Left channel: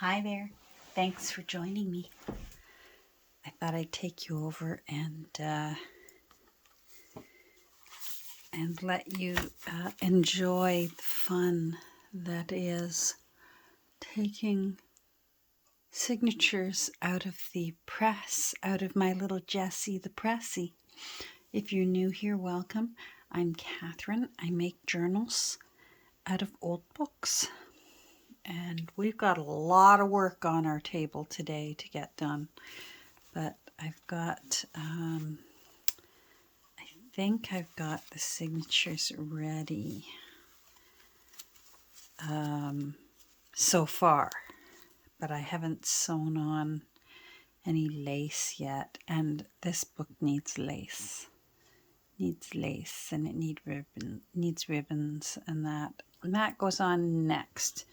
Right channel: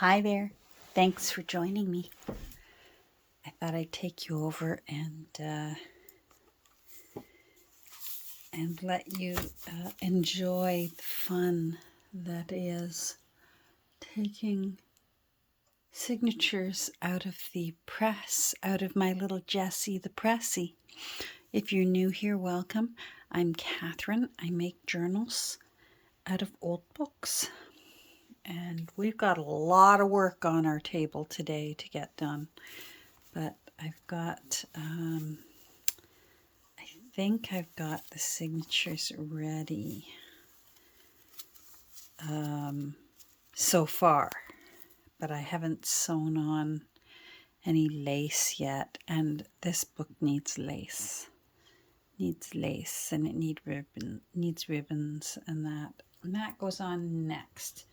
Hi there. Thanks for joining me. I thought I'd take you over and let you enjoy the fun that is taking signatures out of the press, out of my little Jessie the Pressy. If you're new here, welcome. I'm Catherine. I make journals out of old books. And we've got a lot of work on our table today to get done. But I've got, I think I've got the signatures ready so far. But I haven't sewn on any lace yet. And this book needs lace. And it needs ribbons and that. And that goes on next.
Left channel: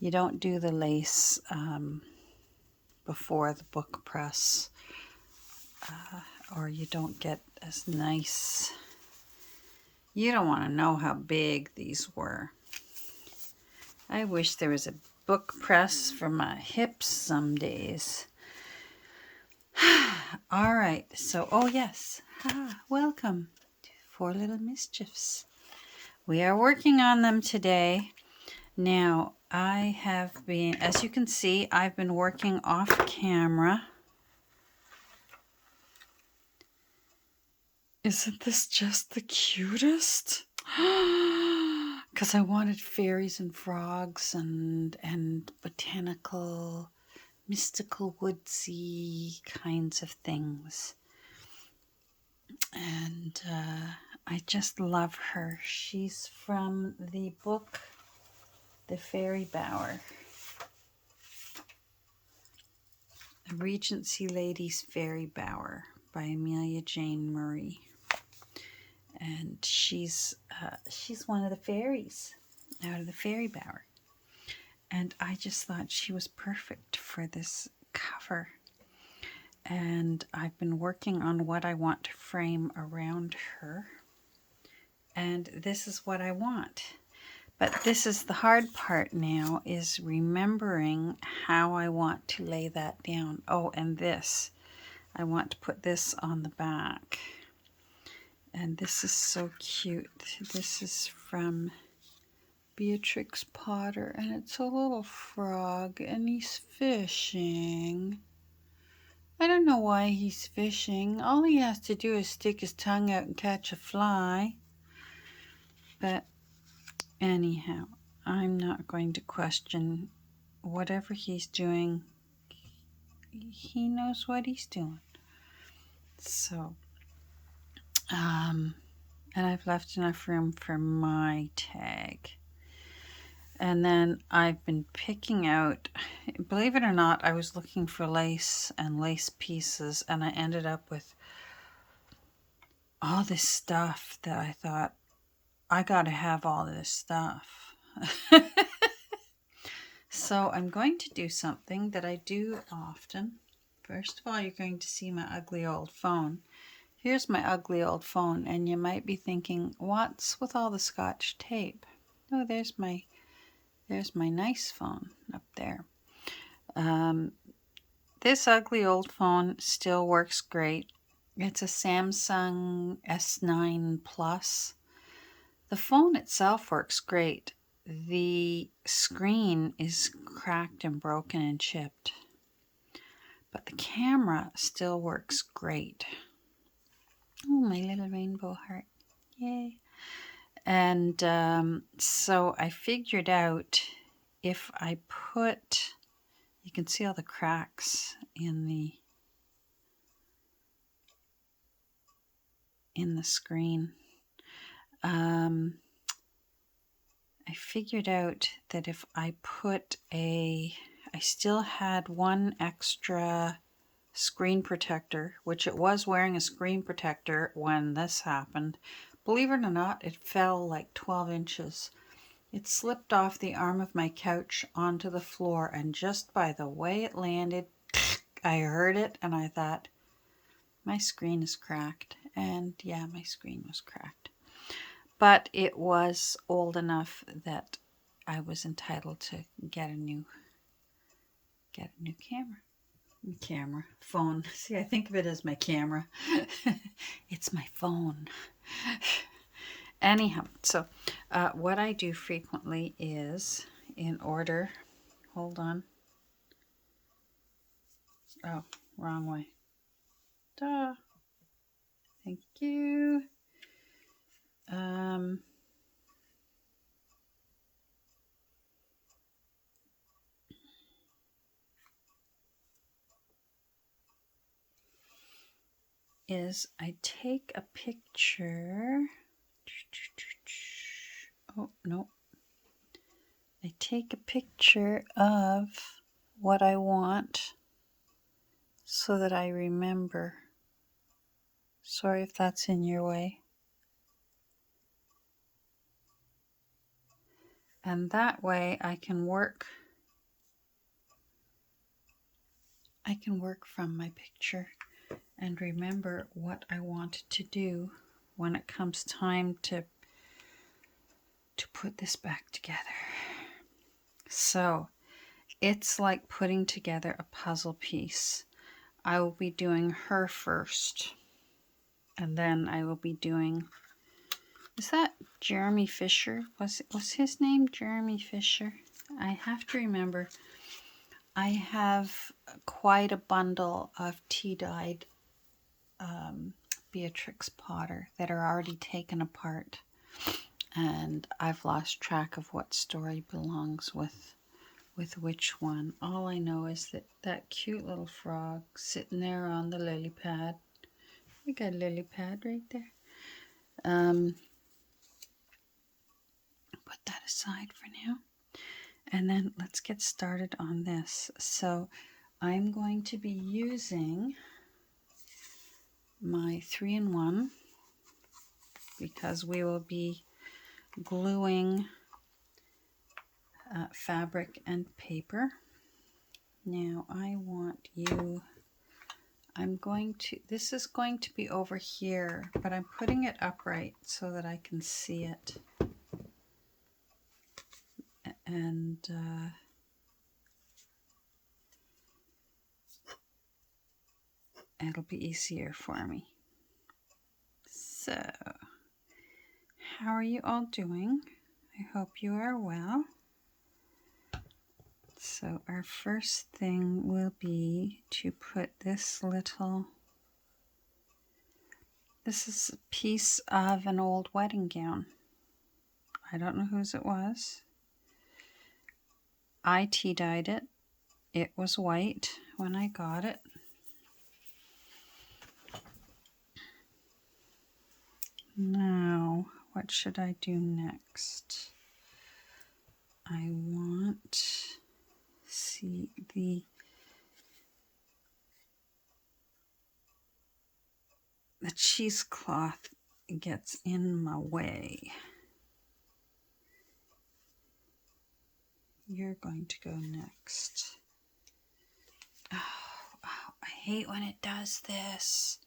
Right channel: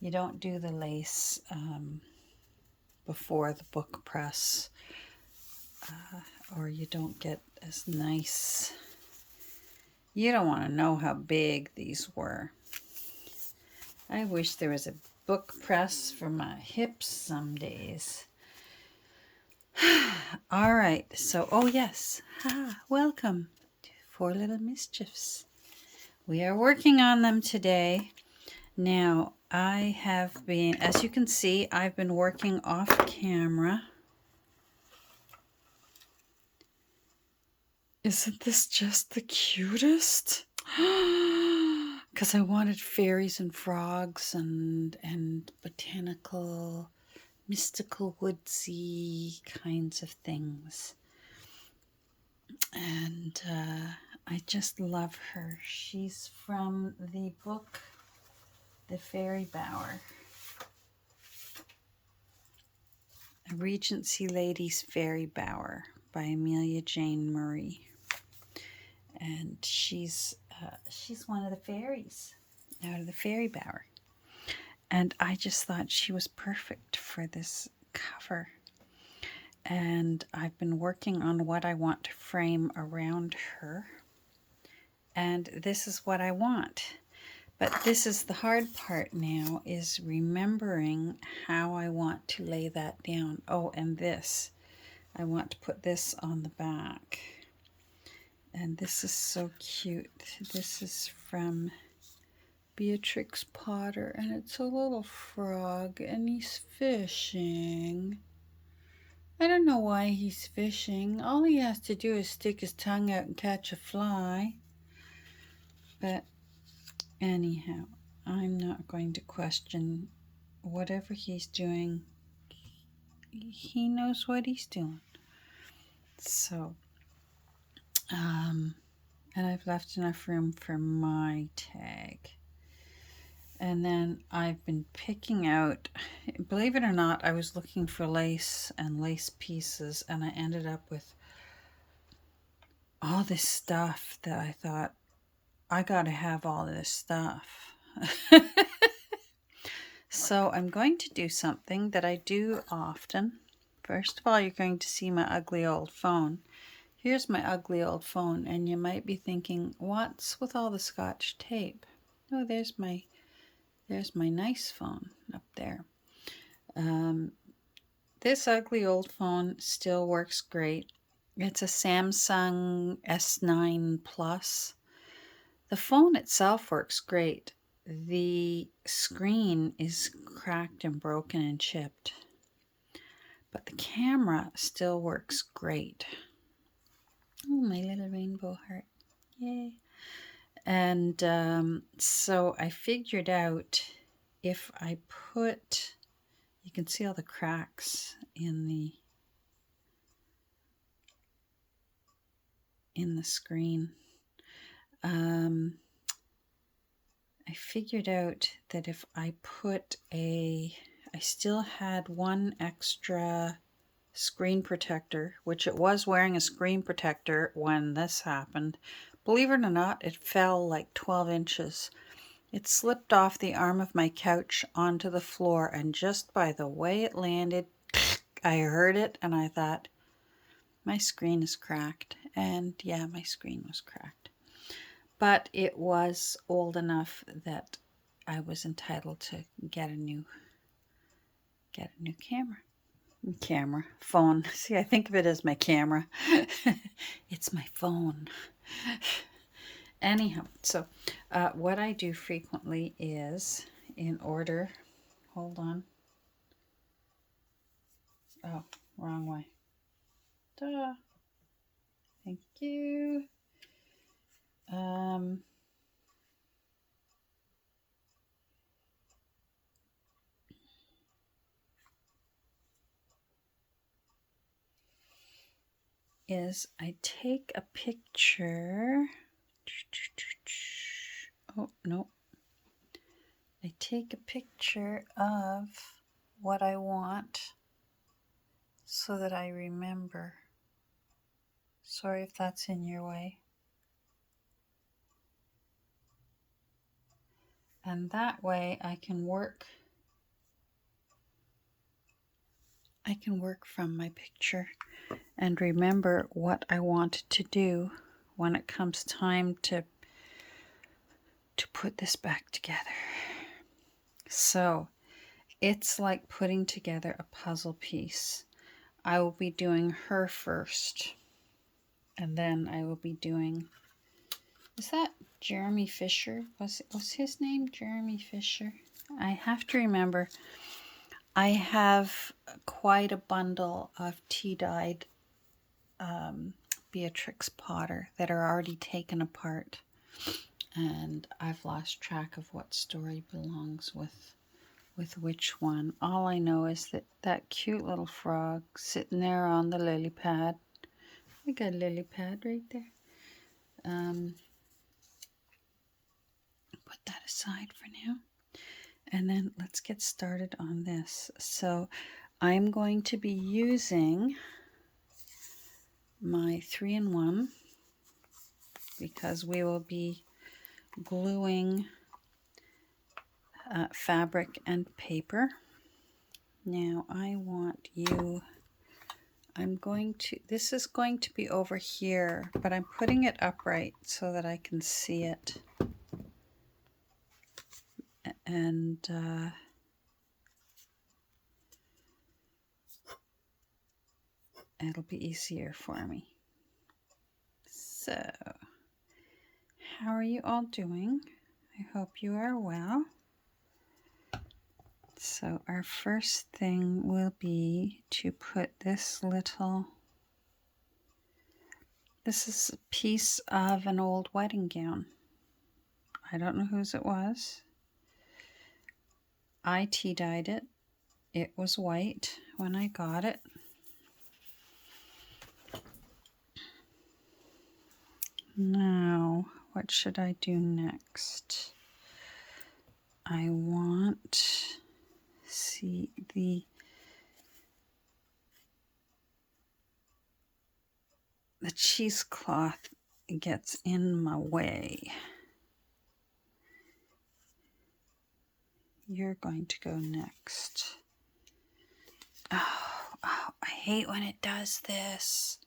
You don't do the lace before the book press, or you don't get as nice. You don't want to know how big these were. I wish there was a book press for my hips some days. All right, so, oh yes, welcome to Four Little Mischiefs. We are working on them today. Now, I have been, as you can see, I've been working off camera. Isn't this just the cutest? Because I wanted fairies and frogs and botanical, mystical, woodsy kinds of things. And I just love her. She's from the book The Fairy Bower. A Regency Lady's Fairy Bower by Amelia Jane Murray. And she's one of the fairies out of the Fairy Bower. And I just thought she was perfect for this cover. And I've been working on what I want to frame around her. And this is what I want. But this is the hard part now, is remembering how I want to lay that down. Oh, and this. I want to put this on the back. And this is so cute. This is from Beatrix Potter, and it's a little frog, and he's fishing. I don't know why he's fishing. All he has to do is stick his tongue out and catch a fly. But anyhow, I'm not going to question whatever he's doing. He knows what he's doing. So, and I've left enough room for my tag. And then I've been picking out, believe it or not, I was looking for lace and lace pieces, and I ended up with all this stuff that I thought, I gotta have all this stuff. So I'm going to do something that I do often. First of all, you're going to see my ugly old phone. Here's my ugly old phone, and you might be thinking, what's with all the Scotch tape? Oh, there's my nice phone up there. This ugly old phone still works great. It's a Samsung S9 Plus. The phone itself works great. The screen is cracked and broken and chipped. But the camera still works great. Oh, my little rainbow heart. Yay. And so I figured out if I put, you can see all the cracks in the screen. I figured out that if I put I still had one extra screen protector, which it was wearing a screen protector when this happened. Believe it or not, it fell like 12 inches. It slipped off the arm of my couch onto the floor, and just by the way it landed, I heard it, and I thought, my screen is cracked. And yeah, my screen was cracked. But it was old enough that I was entitled to get a new get a new camera. Phone. See, I think of it as my camera. It's my phone. Anyhow, so what I do frequently is, in order, hold on. Oh, wrong way. Duh. Thank you. Is I take a picture. Oh, no. I take a picture of what I want so that I remember. Sorry if that's in your way. And that way I can work from my picture and remember what I want to do when it comes time to put this back together. So it's like putting together a puzzle piece. I will be doing her first, and then I will be doing, is that Jeremy Fisher? Was his name Jeremy Fisher? I have to remember. I have quite a bundle of tea-dyed Beatrix Potter that are already taken apart, and I've lost track of what story belongs with which one. All I know is that cute little frog sitting there on the lily pad. I got a lily pad right there. Put that aside for now. And then let's get started on this. So I'm going to be using my 3-in-1 because we will be gluing fabric and paper. Now I want you, this is going to be over here, but I'm putting it upright so that I can see it. And it'll be easier for me. So, how are you all doing? I hope you are well. So our first thing will be to put this is a piece of an old wedding gown. I don't know whose it was. I tea-dyed it. It was white when I got it. Now, what should I do next? I want, see, the cheesecloth gets in my way. You're going to go next. Oh, I hate when it does this.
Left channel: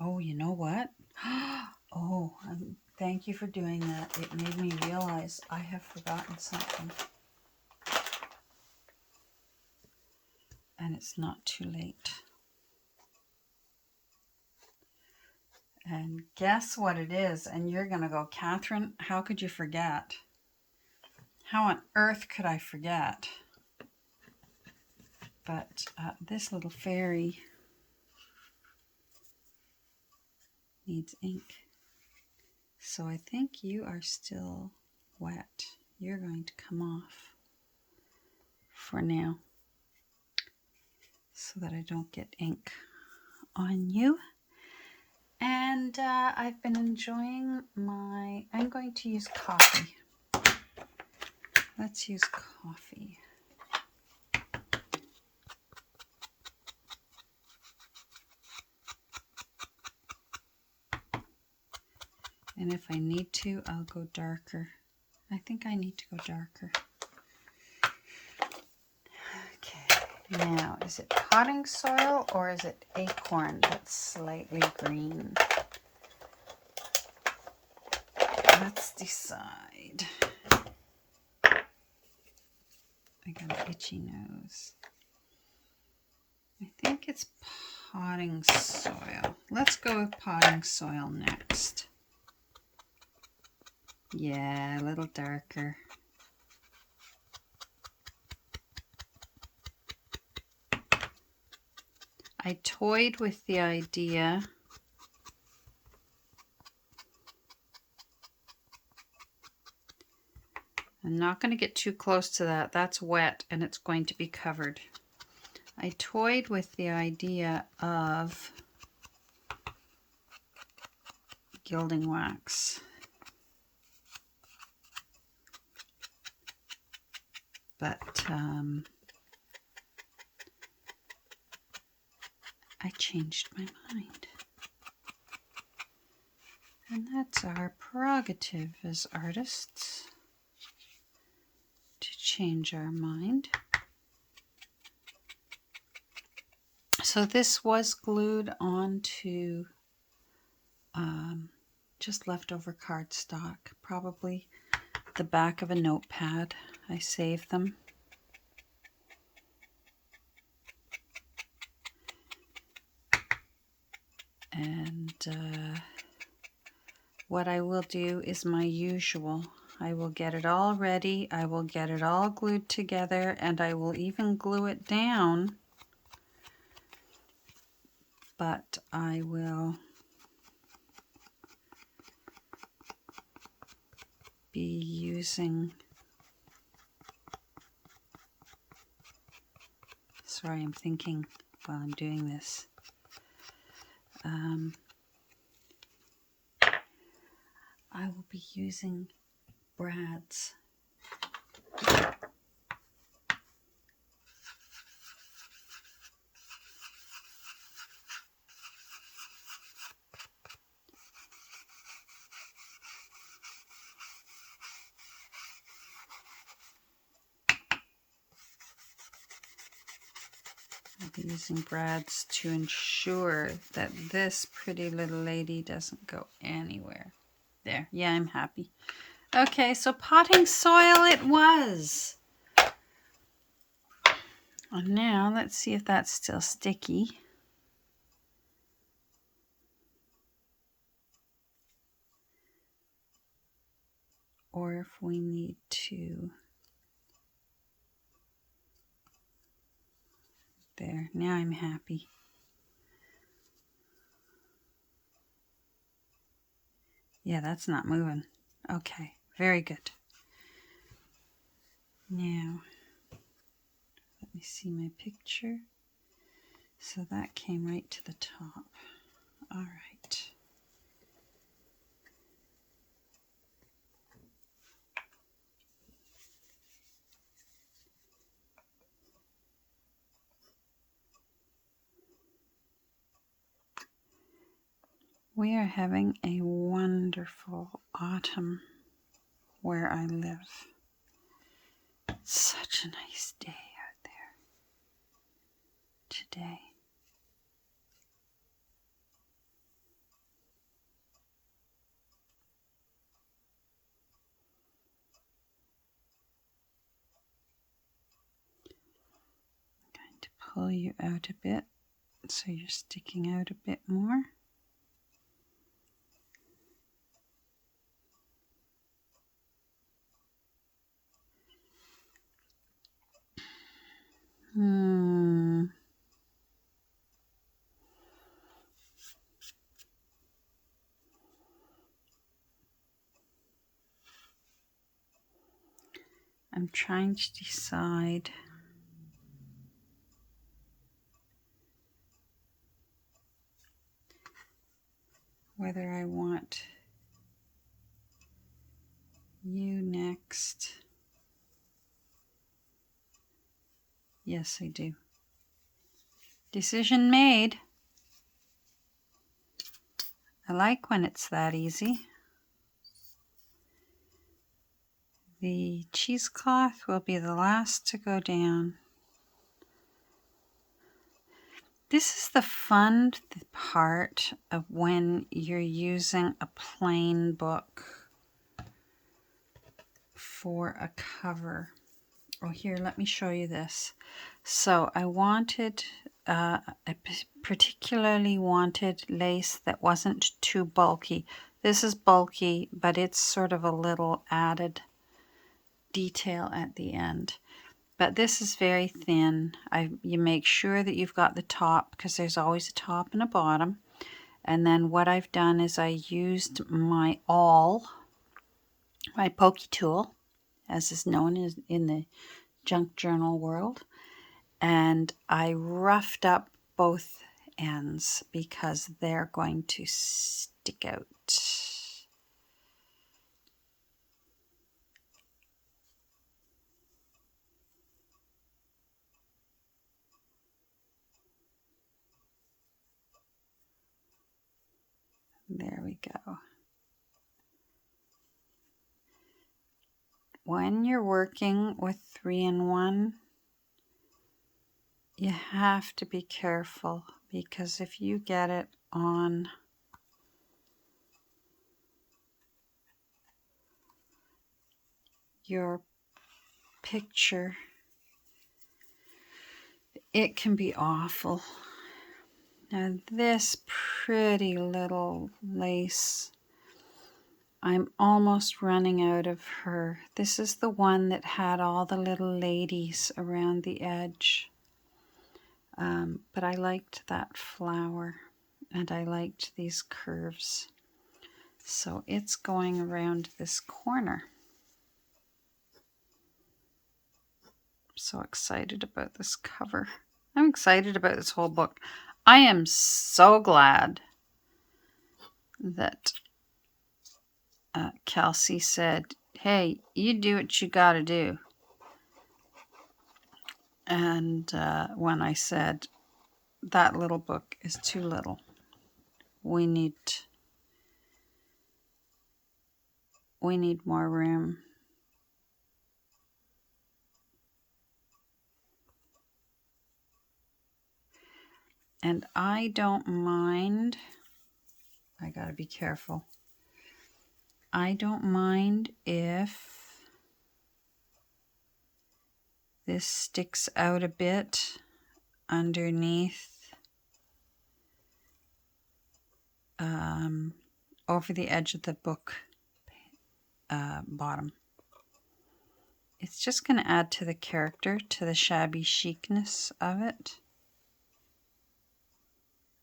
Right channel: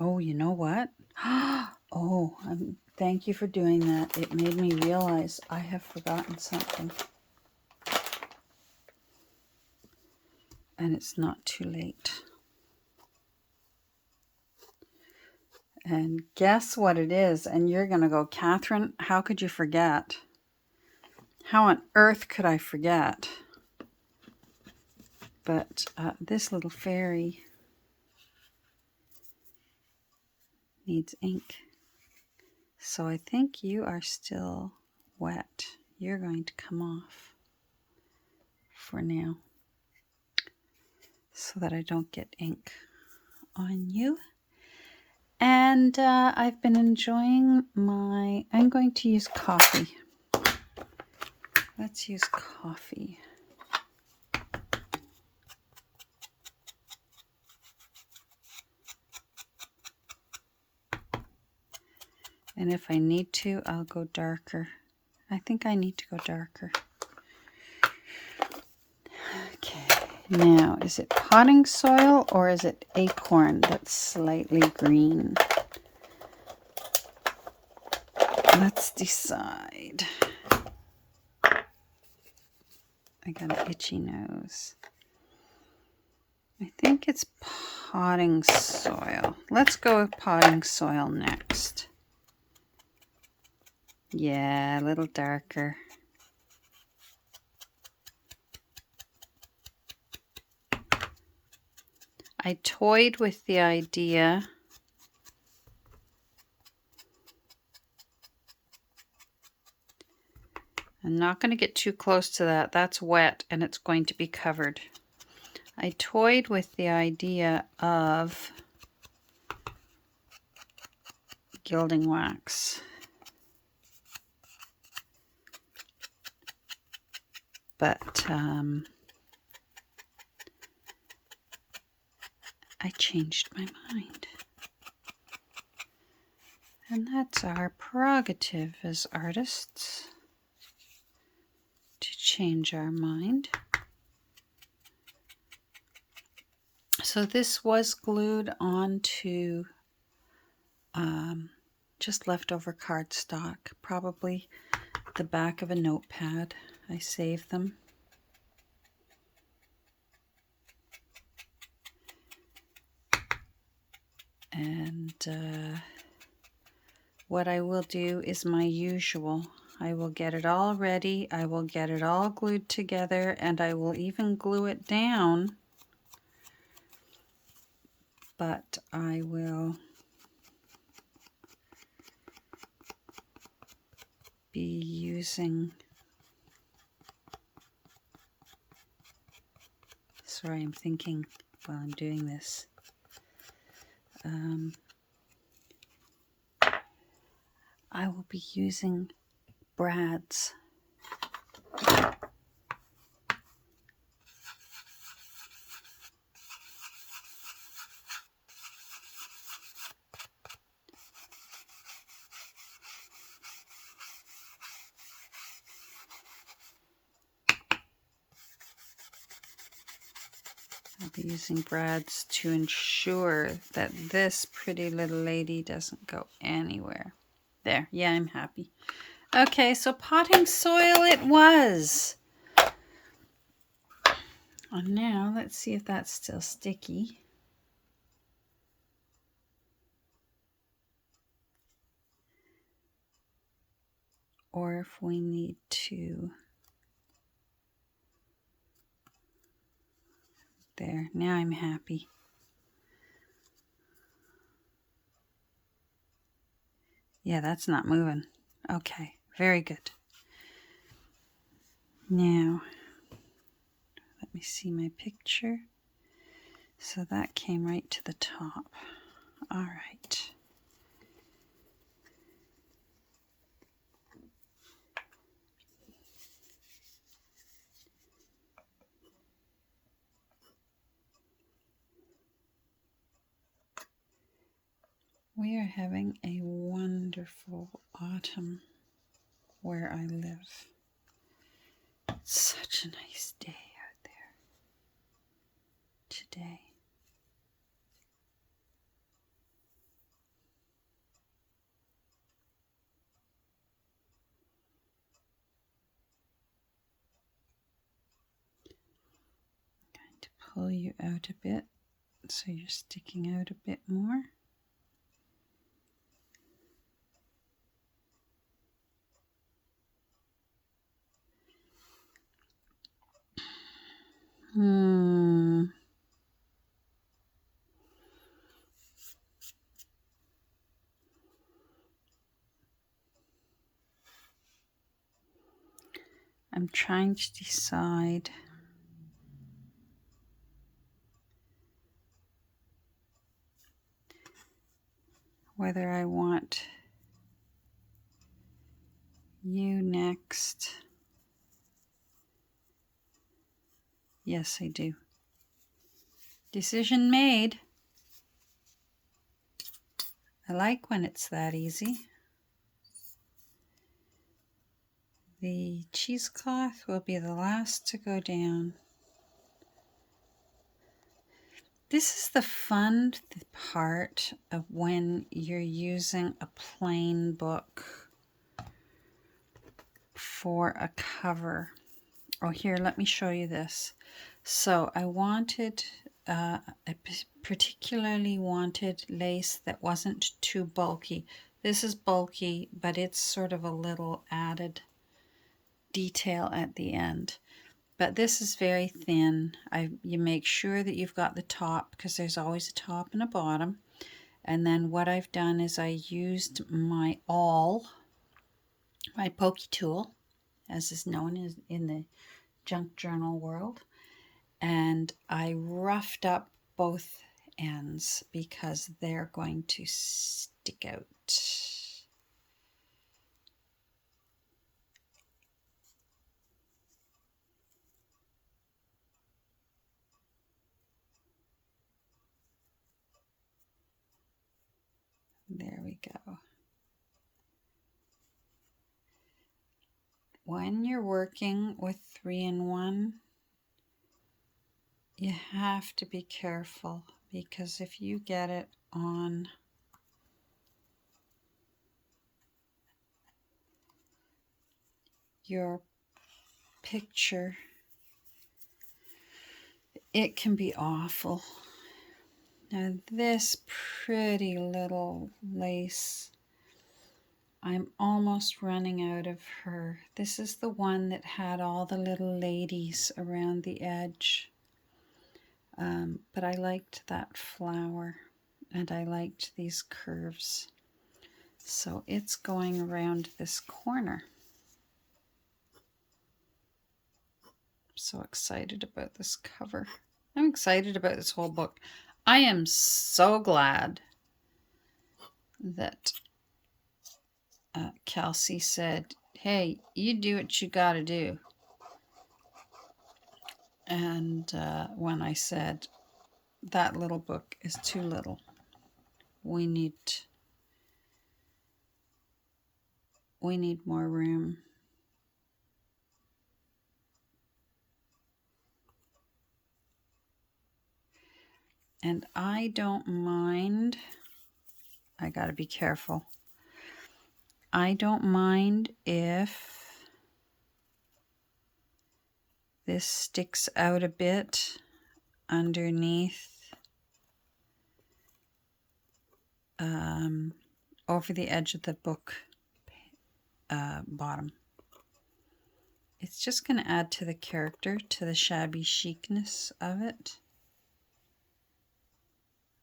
Oh, you know what? Oh, thank you for doing that. It made me realize I have forgotten something. And it's not too late. And guess what it is? And you're going to go, Catherine, how could you forget? How on earth could I forget? But this little fairy needs ink. So I think you are still wet. You're going to come off for now so that I don't get ink on you. And I've been enjoying I'm going to use coffee. Let's use coffee. And if I need to, I'll go darker. I think I need to go darker. Okay, now is it potting soil or is it acorn that's slightly green? Let's decide. I got an itchy nose. I think it's potting soil. Let's go with potting soil next. Yeah, a little darker. I toyed with the idea I'm not going to get too close to that. That's wet and it's going to be covered. I toyed with the idea of gilding wax. But I changed my mind. And that's our prerogative as artists, to change our mind. So this was glued onto just leftover cardstock, probably the back of a notepad. I saved them. And what I will do is my usual. I will get it all ready. I will get it all glued together, and I will even glue it down. But I will be using, sorry, I'm thinking while I'm doing this. I will be using brads. I'll be using brads to ensure that this pretty little lady doesn't go anywhere. There, yeah, I'm happy. Okay, so potting soil it was. And now let's see if that's still sticky. Or if we need to. There, now I'm happy. Yeah, that's not moving. Okay, very good. Now, let me see my picture. So that came right to the top. All right. We are having a wonderful autumn where I live. It's such a nice day out there today. I'm going to pull you out a bit so you're sticking out a bit more. I'm trying to decide whether I want you next. Yes, I do. Decision made. I like when it's that easy. The cheesecloth will be the last to go down. This is the fun part of when you're using a plain book for a cover. Oh, here, let me show you this. So I wanted, I particularly wanted lace that wasn't too bulky. This is bulky, but it's sort of a little added detail at the end. But this is very thin. You make sure that you've got the top, because there's always a top and a bottom. And then what I've done is I used my awl, my pokey tool, as is known in the junk journal world. And I roughed up both ends because they're going to stick out. There we go. When you're working with 3-in-1, you have to be careful, because if you get it on your picture, it can be awful. Now this pretty little lace, I'm almost running out of her. This is the one that had all the little ladies around the edge. But I liked that flower, and I liked these curves. So it's going around this corner. I'm so excited about this cover. I'm excited about this whole book. I am so glad that Kelsey said, hey, you do what you gotta do. And when I said, that little book is too little, we need more room. And I don't mind, I gotta be careful. I don't mind if this sticks out a bit underneath, over the edge of the book bottom. It's just going to add to the character, to the shabby chicness of it.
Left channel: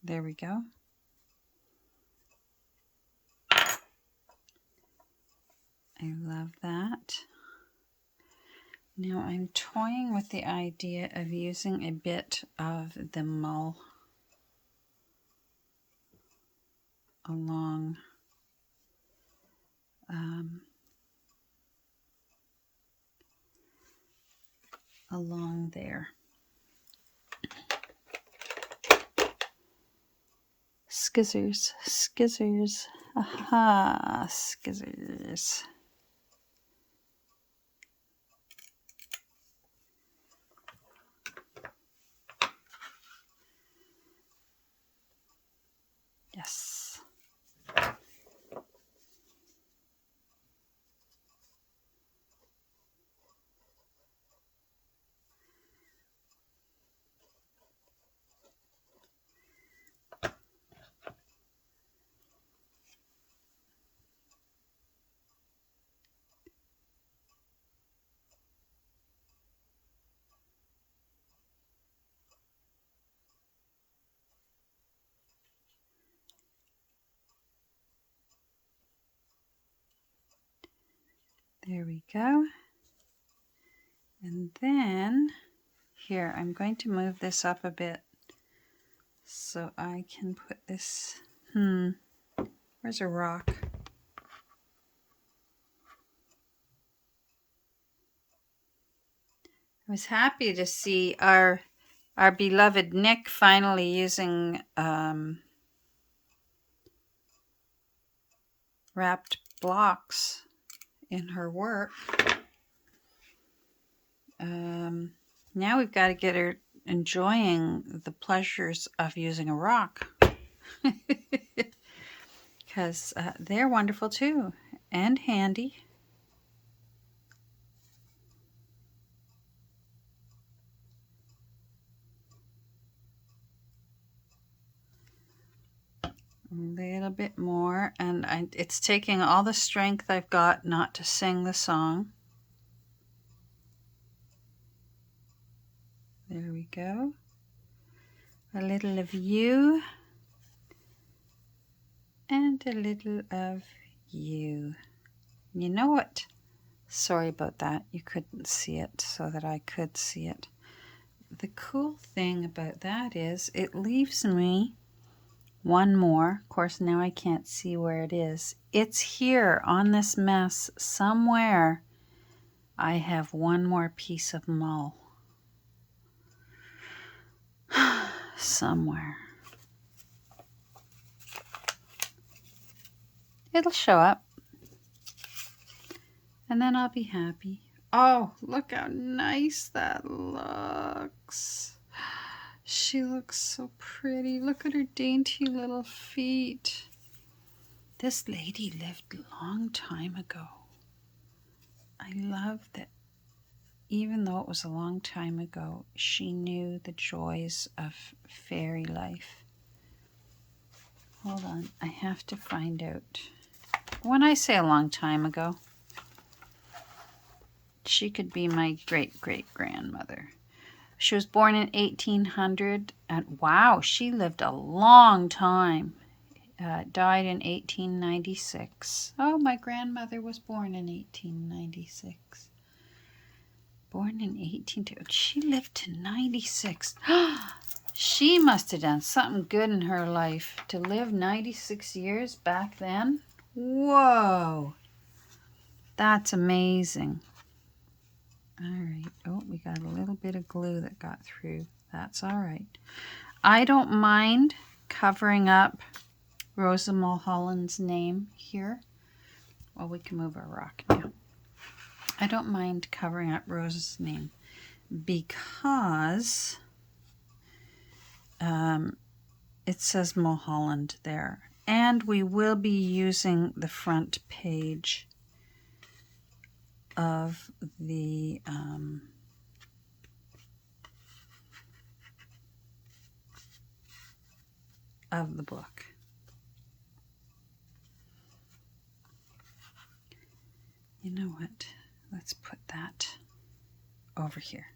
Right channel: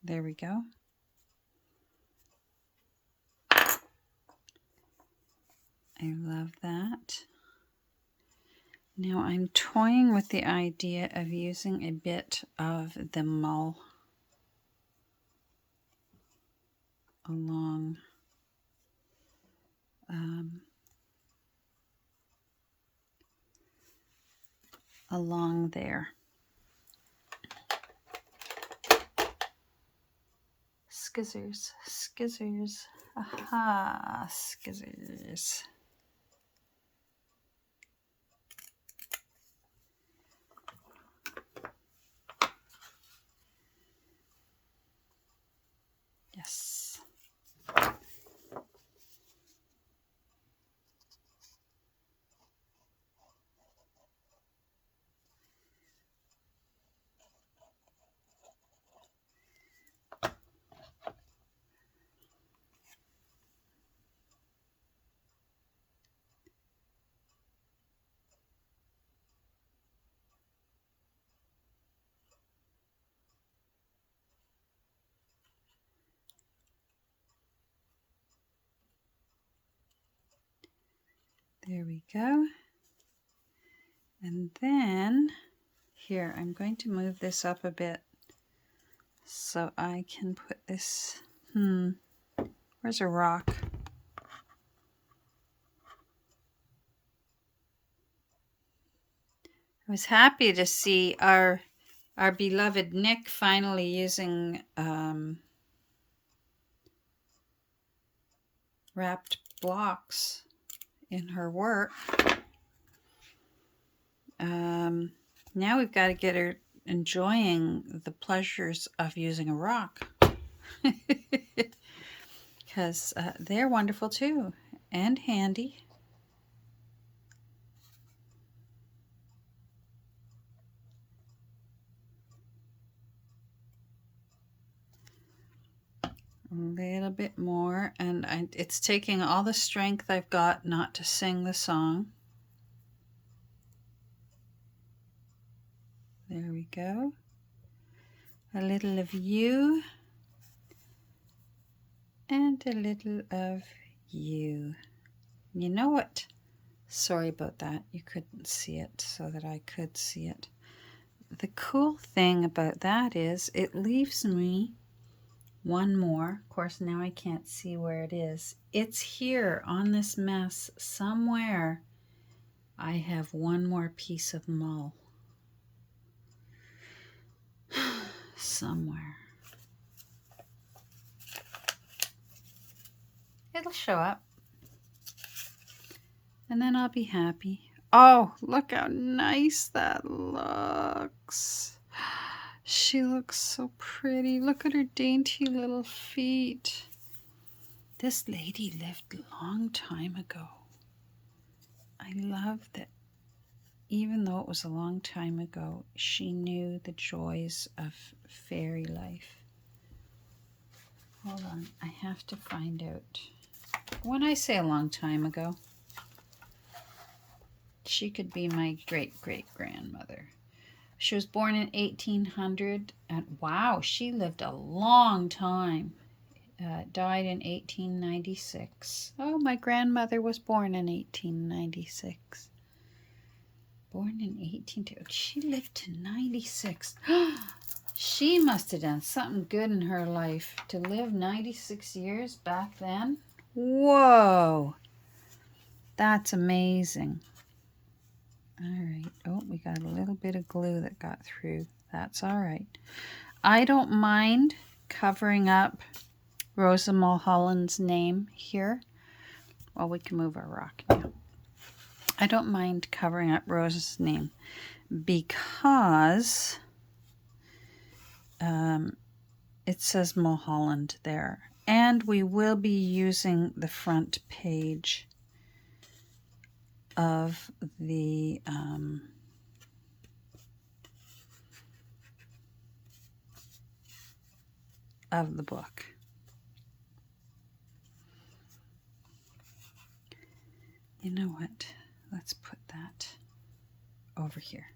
There we go. I love that. Now I'm toying with the idea of using a bit of the mull along along there. Skizzers, skizzers, aha, skizzers. Yes. There we go. And then here, I'm going to move this up a bit so I can put this, where's a rock? I was happy to see our beloved Nick finally using wrapped blocks in her work. Now we've got to get her enjoying the pleasures of using a rock, because they're wonderful too, and handy. little bit more, and it's taking all the strength I've got not to sing the song. There we go. A little of you and a little of you. You know what? Sorry about that. You couldn't see it so that I could see it. The cool thing about that is it leaves me one more. Of course, now I can't see where it is. It's here on this mess somewhere. I have one more piece of mull. Somewhere. It'll show up. And then I'll be happy. Oh, look how nice that looks. She looks so pretty. Look at her dainty little feet. This lady lived a long time ago. I love that even though it was a long time ago, she knew the joys of fairy life. Hold on, I have to find out. When I say a long time ago, she could be my great-great-grandmother. She was born in 1800, and wow, she lived a long time. Died in 1896. Oh, my grandmother was born in 1896. Born in 18... She lived to 96. She must have done something good in her life to live 96 years back then. Whoa. That's amazing. All right. Oh, we got a little bit of glue that got through. That's all right. I don't mind covering up Rosa Mulholland's name here. Well, we can move our rock now. I don't mind covering up Rosa's name because it says Mulholland there. And we will be using the front page of the book. You know what? Let's put that over here.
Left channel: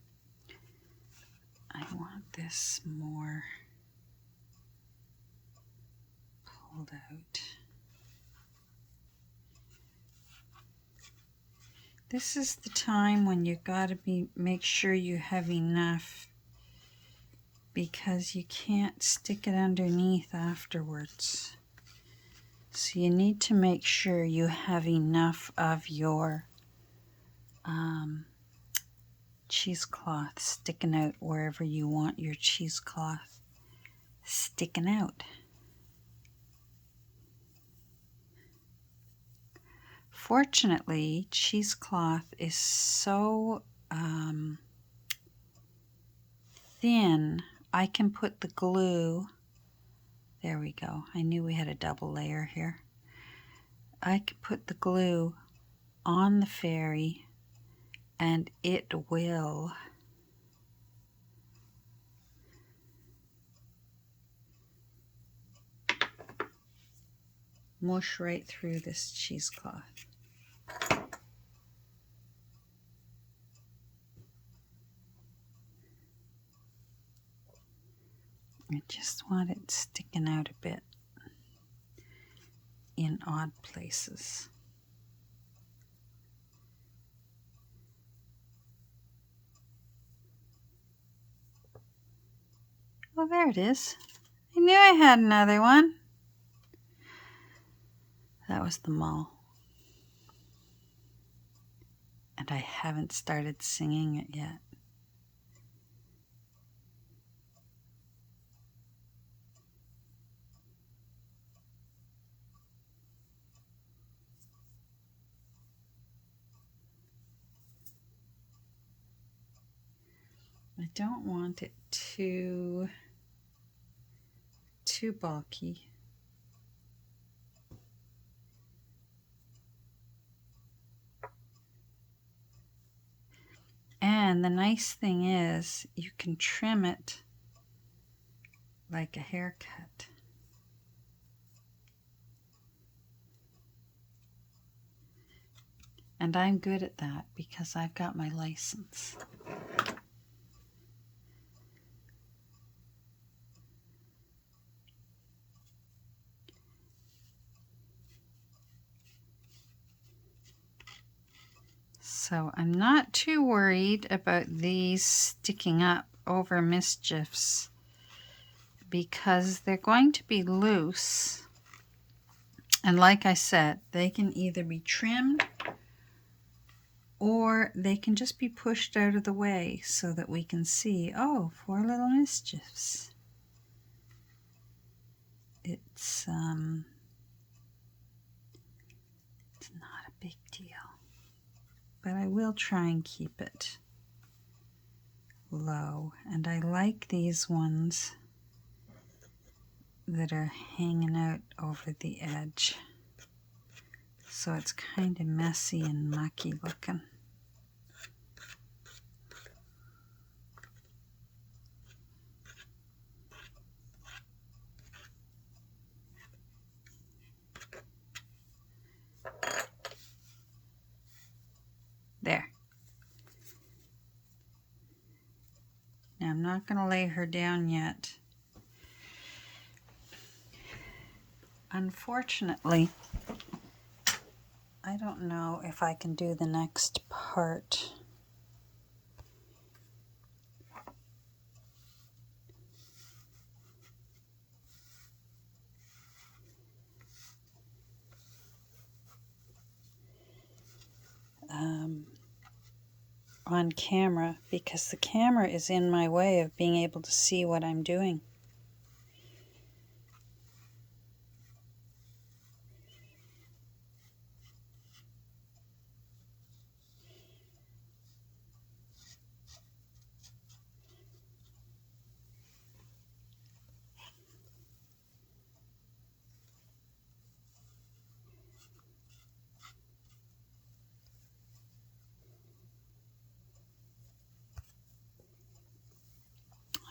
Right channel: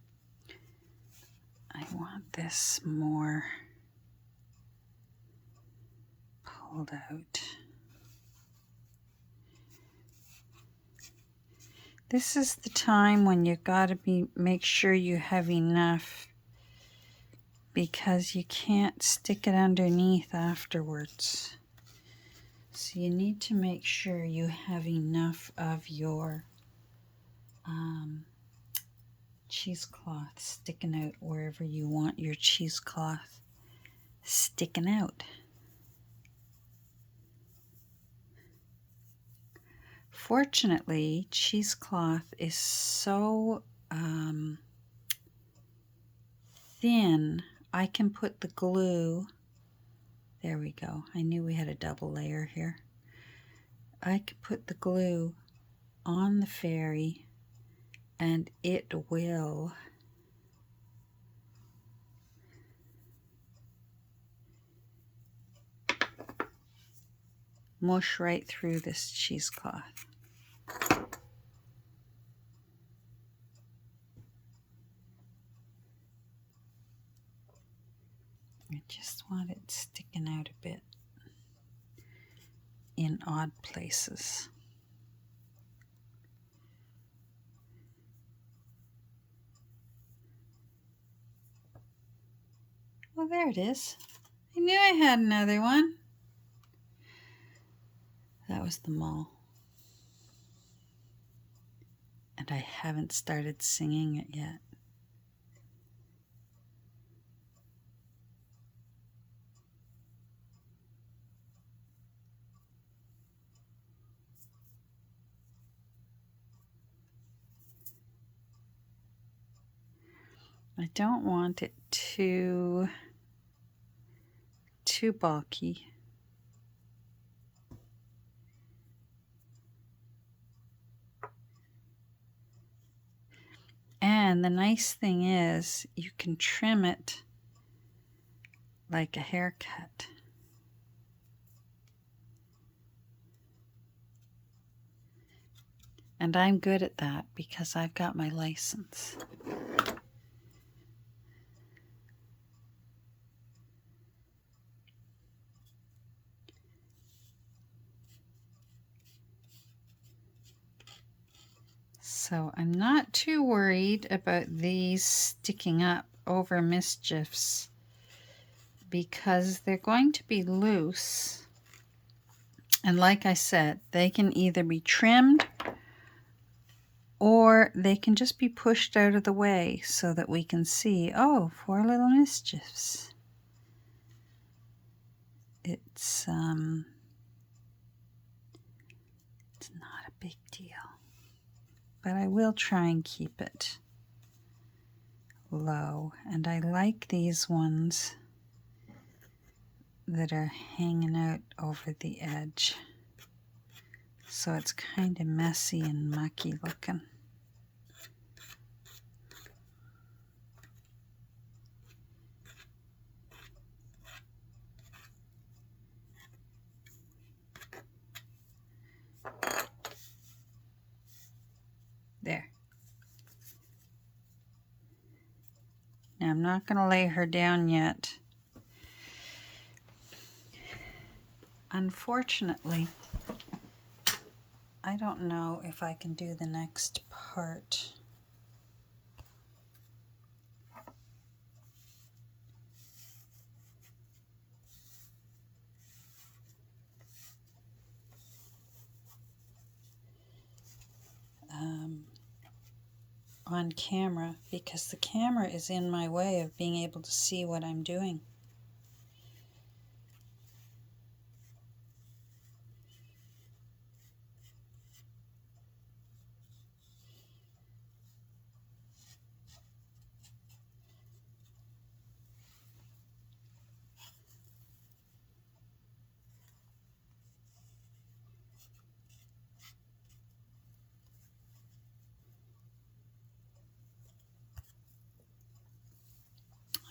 I want this more pulled out. This is the time when you gotta make sure you have enough, because you can't stick it underneath afterwards. So you need to make sure you have enough of your cheesecloth sticking out wherever you want your cheesecloth sticking out. Fortunately, cheesecloth is so thin, I can put the glue, there we go, I knew we had a double layer here. I could put the glue on the fairy and it will mush right through this cheesecloth. I just want it sticking out a bit in odd places. Well, there it is. I knew I had another one. That was the mull. And I haven't started singing it yet. I don't want it too bulky. And the nice thing is you can trim it like a haircut. And I'm good at that because I've got my license. So I'm not too worried about these sticking up over Mischiefs because they're going to be loose. And like I said, they can either be trimmed or they can just be pushed out of the way so that we can see, oh, 4 little Mischiefs. It's not a big deal. But I will try and keep it low. And I like these ones that are hanging out over the edge. So it's kind of messy and mucky looking. There. Now I'm not going to lay her down yet. Unfortunately, I don't know if I can do the next part. On camera because the camera is in my way of being able to see what I'm doing.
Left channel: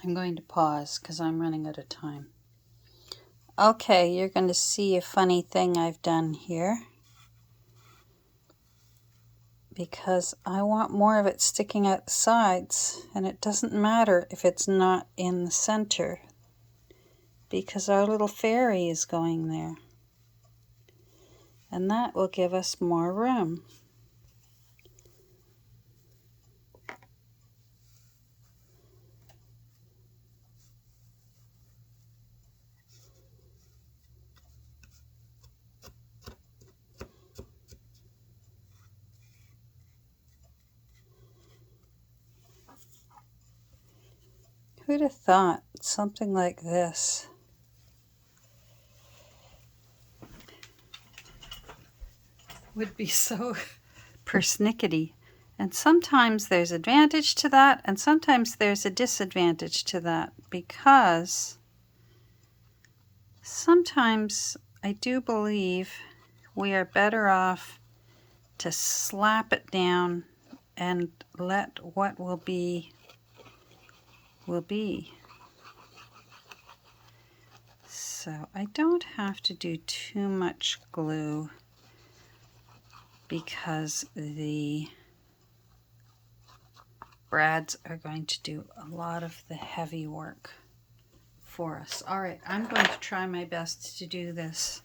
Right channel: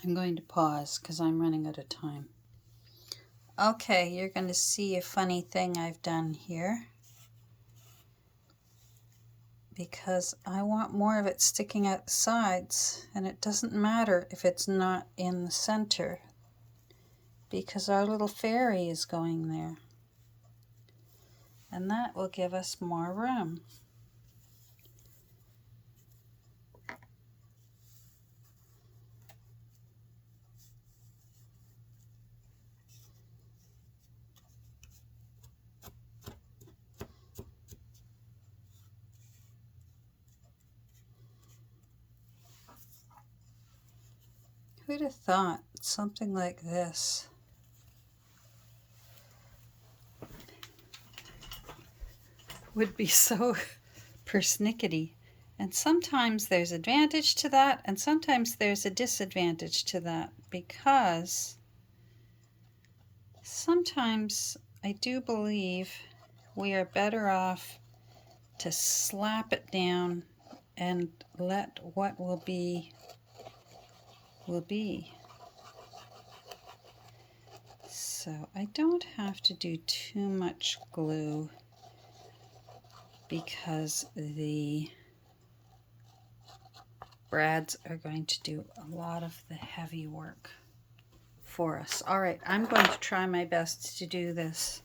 I'm going to pause because I'm running out of time. Okay, you're going to see a funny thing I've done here because I want more of it sticking out the sides, and it doesn't matter if it's not in the center because our little fairy is going there, and that will give us more room. Who'd have thought something like this would be so persnickety? And sometimes there's advantage to that, and sometimes there's a disadvantage to that, because sometimes I do believe we are better off to slap it down and let what will be. So I don't have to do too much glue because the brads are going to do a lot of the heavy work for us. All right, I'm going to try my best to do this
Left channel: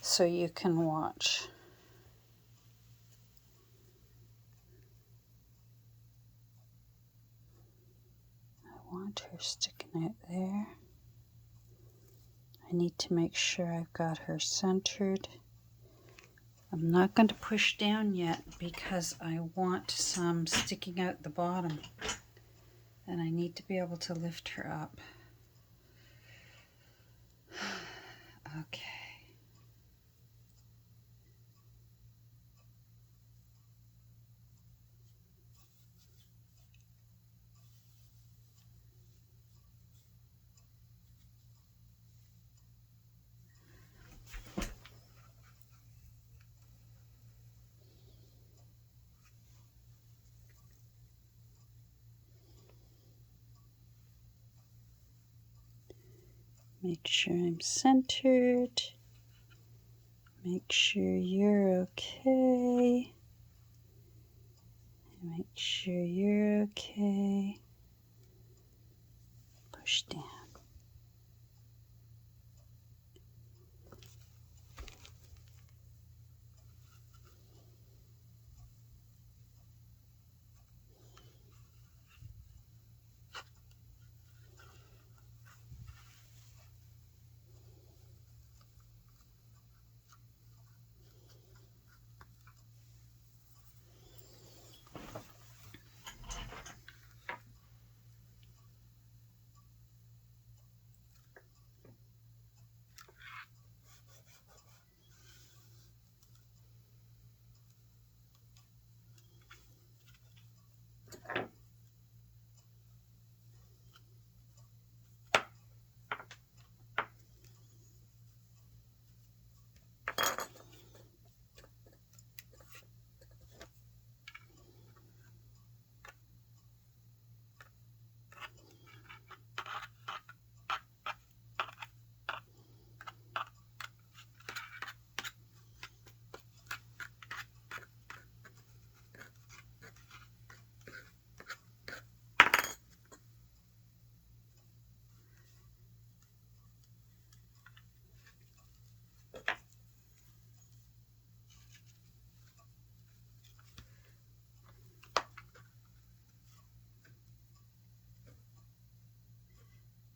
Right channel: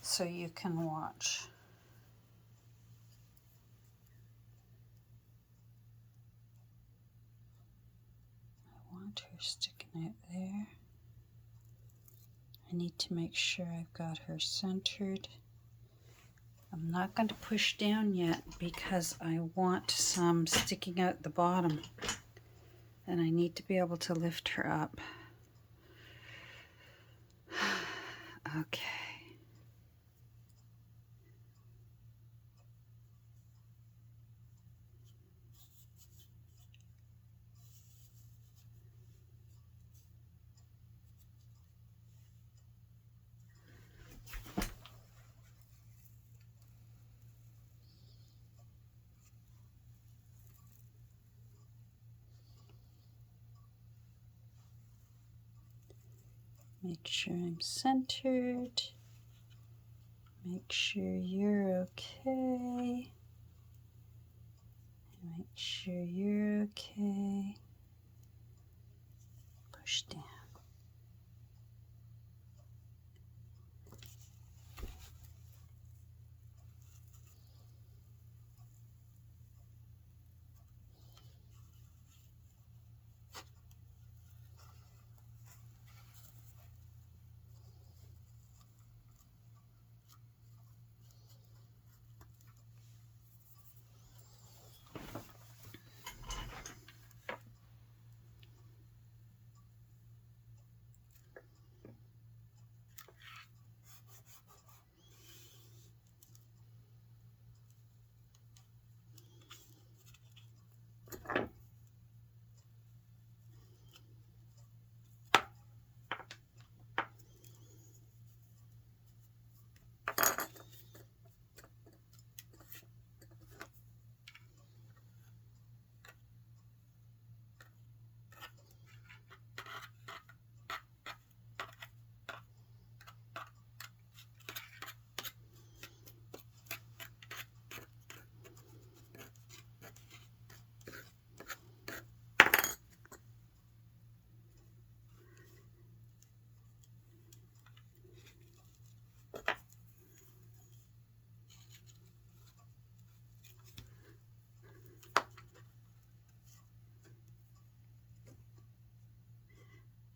so you can watch. I want her sticking out there. I need to make sure I've got her centered. I'm not going to push down yet because I want some sticking out the bottom, and I need to be able to lift her up. Okay. Make sure I'm centered. Make sure you're okay. Make sure you're okay. Push down.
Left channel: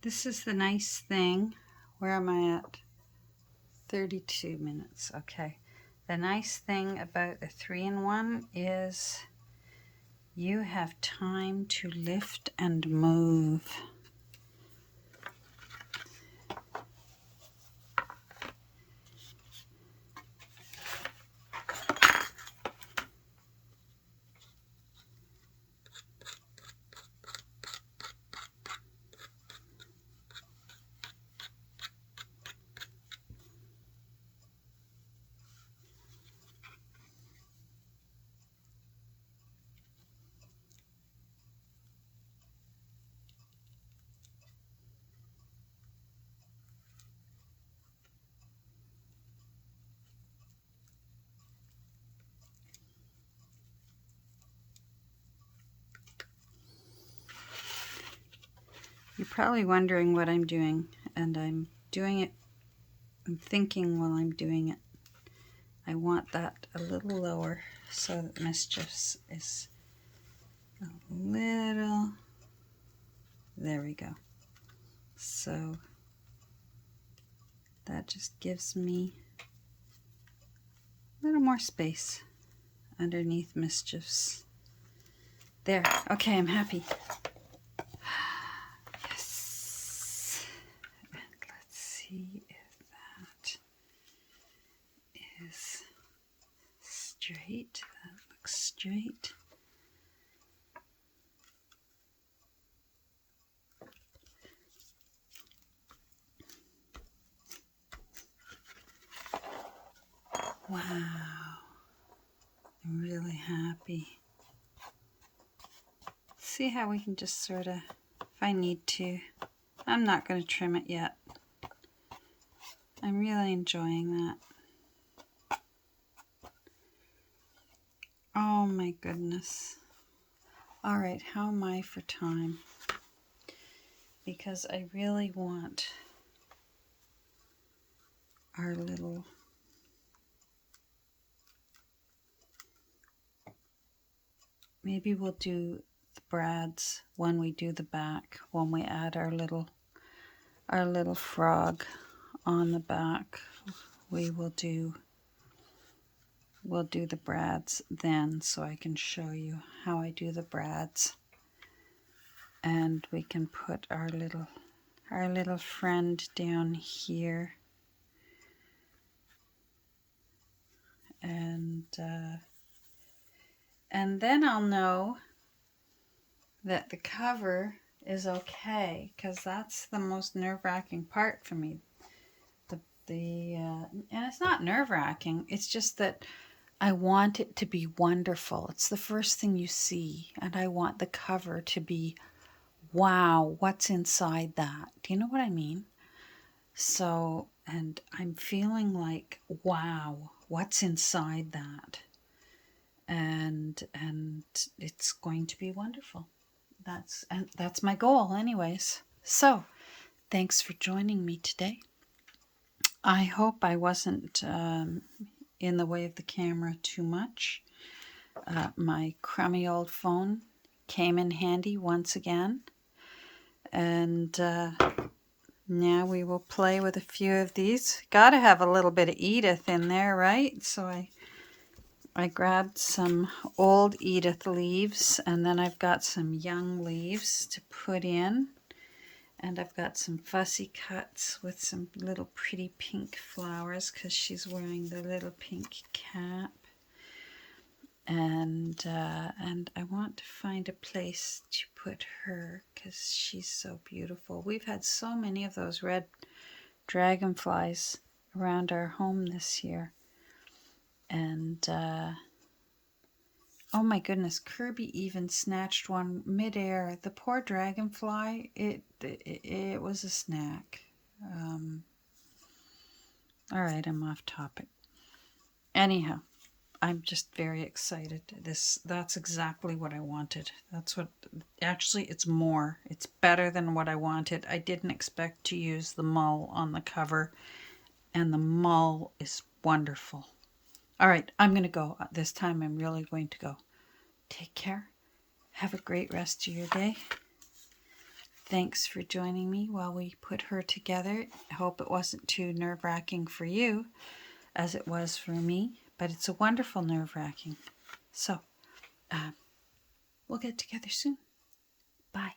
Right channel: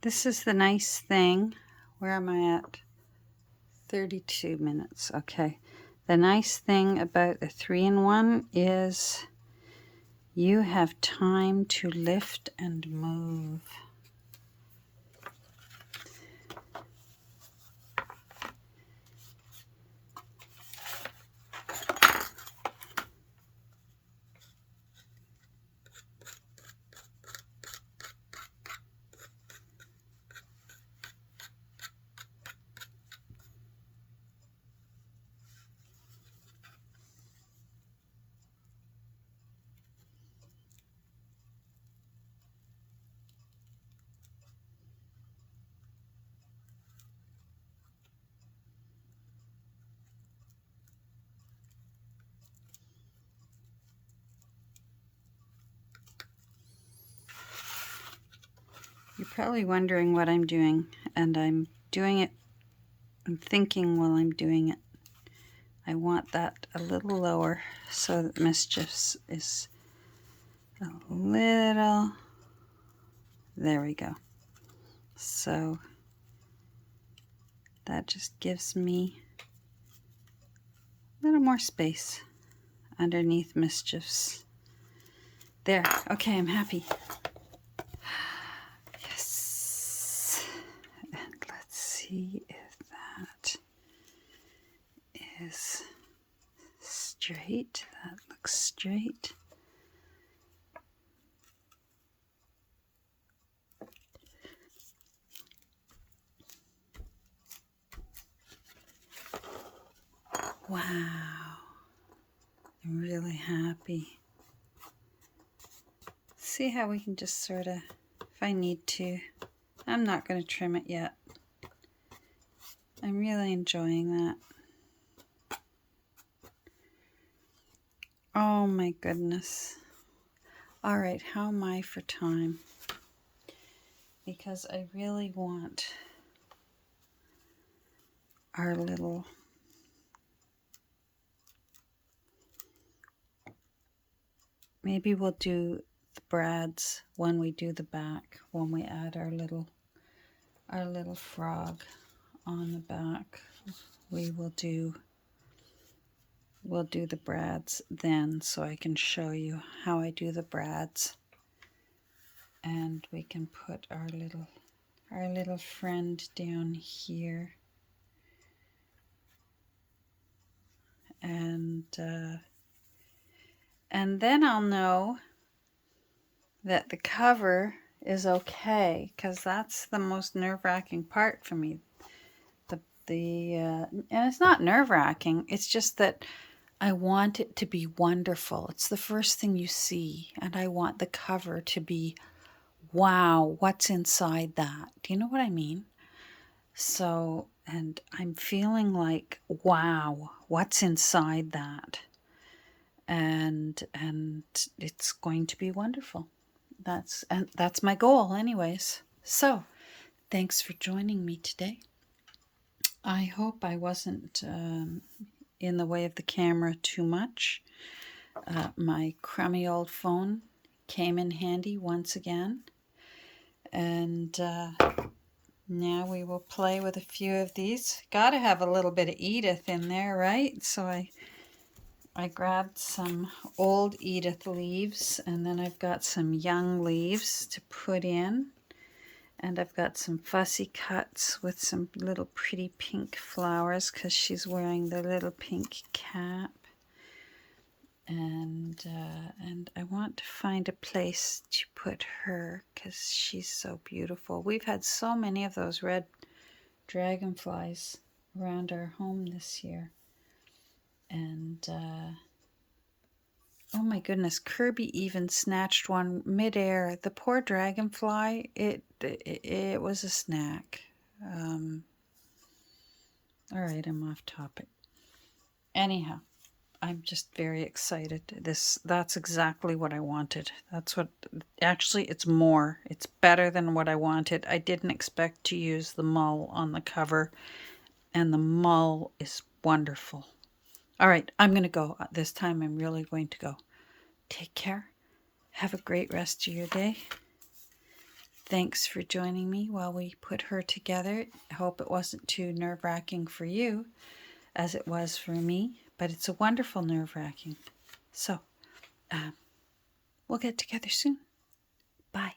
This is the nice thing. Where am I at? 32 minutes. Okay. The nice thing about the 3-in-1 is you have time to lift and move. You're probably wondering what I'm doing, and I'm doing it, I'm thinking while I'm doing it. I want that a little lower so that Mischiefs is a little, there we go. So that just gives me a little more space underneath Mischiefs. There, okay, I'm happy. Yes. And let's see if that is straight. That looks straight. Wow. I'm really happy. See how we can just sort of, if I need to, I'm not going to trim it yet. I'm really enjoying that. Oh my goodness. All right, how am I for time? Because I really want our little maybe we'll do the brads when we do the back, when we add our little frog on the back. We'll do the brads then, so I can show you how I do the brads. And we can put our little friend down here. And then I'll know that the cover is okay, because that's the most nerve-wracking part for me. And it's not nerve-wracking, it's just that I want it to be wonderful. It's the first thing you see, and I want the cover to be, wow, what's inside that? Do you know what I mean? So, and I'm feeling like, wow, what's inside that? and it's going to be wonderful. That's my goal anyways. So thanks for joining me today. I hope I wasn't in the way of the camera too much. My crummy old phone came in handy once again, and now we will play with a few of these. Gotta have a little bit of Edith in there, right? So I grabbed some old Edith leaves, and then I've got some young leaves to put in. And I've got some fussy cuts with some little pretty pink flowers because she's wearing the little pink cap. And I want to find a place to put her because she's so beautiful. We've had so many of those red dragonflies around our home this year. And oh my goodness, Kirby even snatched one midair. The poor dragonfly, it was a snack. All right, I'm off topic. Anyhow, I'm just very excited. That's exactly what I wanted. Actually, it's more. It's better than what I wanted. I didn't expect to use the mull on the cover, and the mull is wonderful. All right, I'm going to go. This time I'm really going to go. Take care. Have a great rest of your day. Thanks for joining me while we put her together. I hope it wasn't too nerve-wracking for you as it was for me, but it's a wonderful nerve-wracking. So, we'll get together soon. Bye.